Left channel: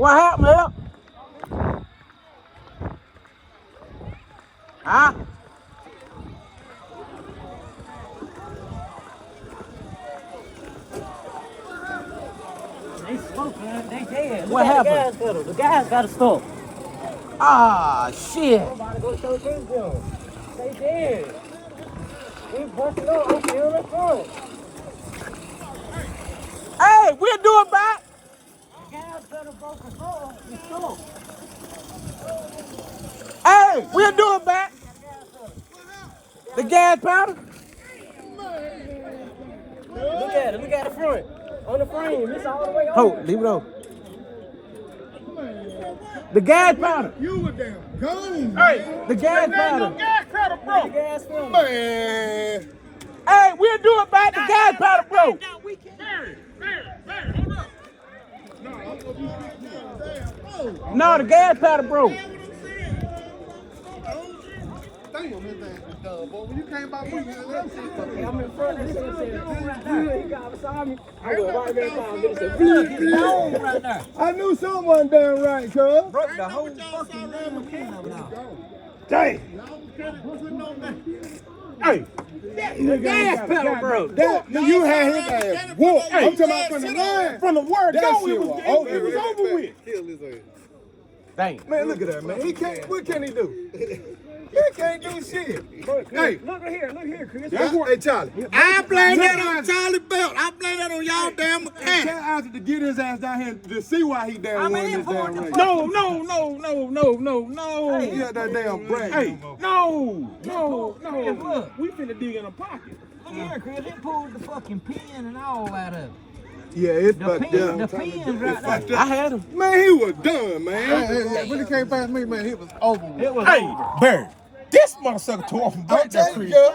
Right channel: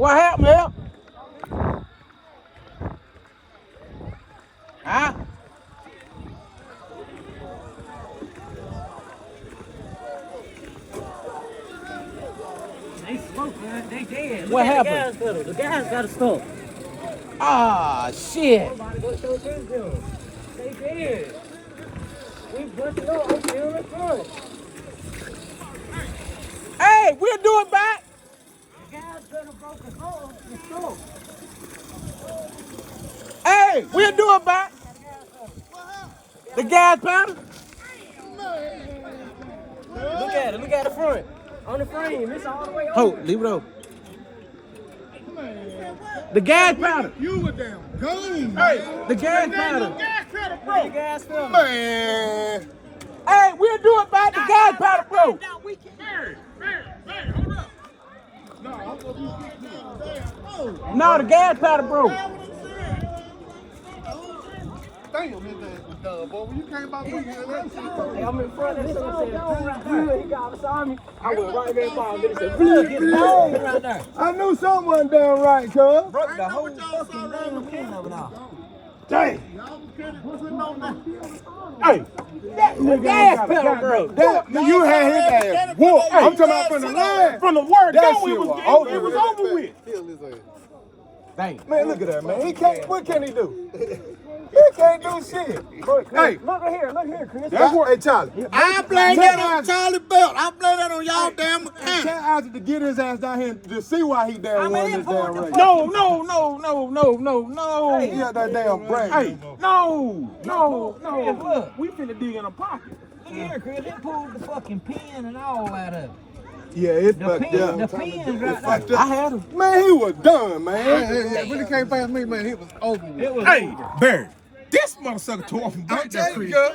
What happened, man? Huh? They smoked, man. They dead. What happened? The gas pedal. The gas got to stop. Ah, shit. Somebody go show this them. They dead. We busted up. I'm feeling the front. Hey, we'll do it back. The gas pedal broke control. It's slow. Hey, we'll do it back. The gas powder. Look at it. Look at the front. On the frame. It's all the way over. Hold, leave it over. The gas powder. You were damn gone, man. The gas powder. Gas pedal, bro. The gas pedal. Man. Hey, we'll do it back. The gas powder broke. Now we can. Man, hold up. No, I'm gonna be quick. No, the gas powder broke. Damn, this done, boy. When you came out with Hey, I'm in front of this one. Said, right there. He got beside me. I went right there by him. It said, "Blue, get long right there." I knew something wasn't damn right, cuz. Broke the whole fucking damn pin of it out. Dang. Hey, the gas pedal broke. You had his ass whooped. I'm talking about from the line. From the word That go, shit it was was over with. Kill his ass. Dang. Man, look at that, man. He can't. What can he do? He can't do shit. Hey, Look here, Chris. hey, Charlie. I blame that on Charlie Belt. I blame that on y'all damn mechanic. Tell Isaac to get his ass down here to see why he damn won this damn race. No. He got that damn brain. Hey, no. Look, we finna dig in a pocket. Look here, Chris. They pulled the fucking pin and all out of it. Yeah, it's The fucked pin, up. the pin's right there. I had him. Man, he was done, man. When he came past me, man, he was over with. It was Hey, over. Barry, this motherfucker tore off from I'm back that telling creek. you,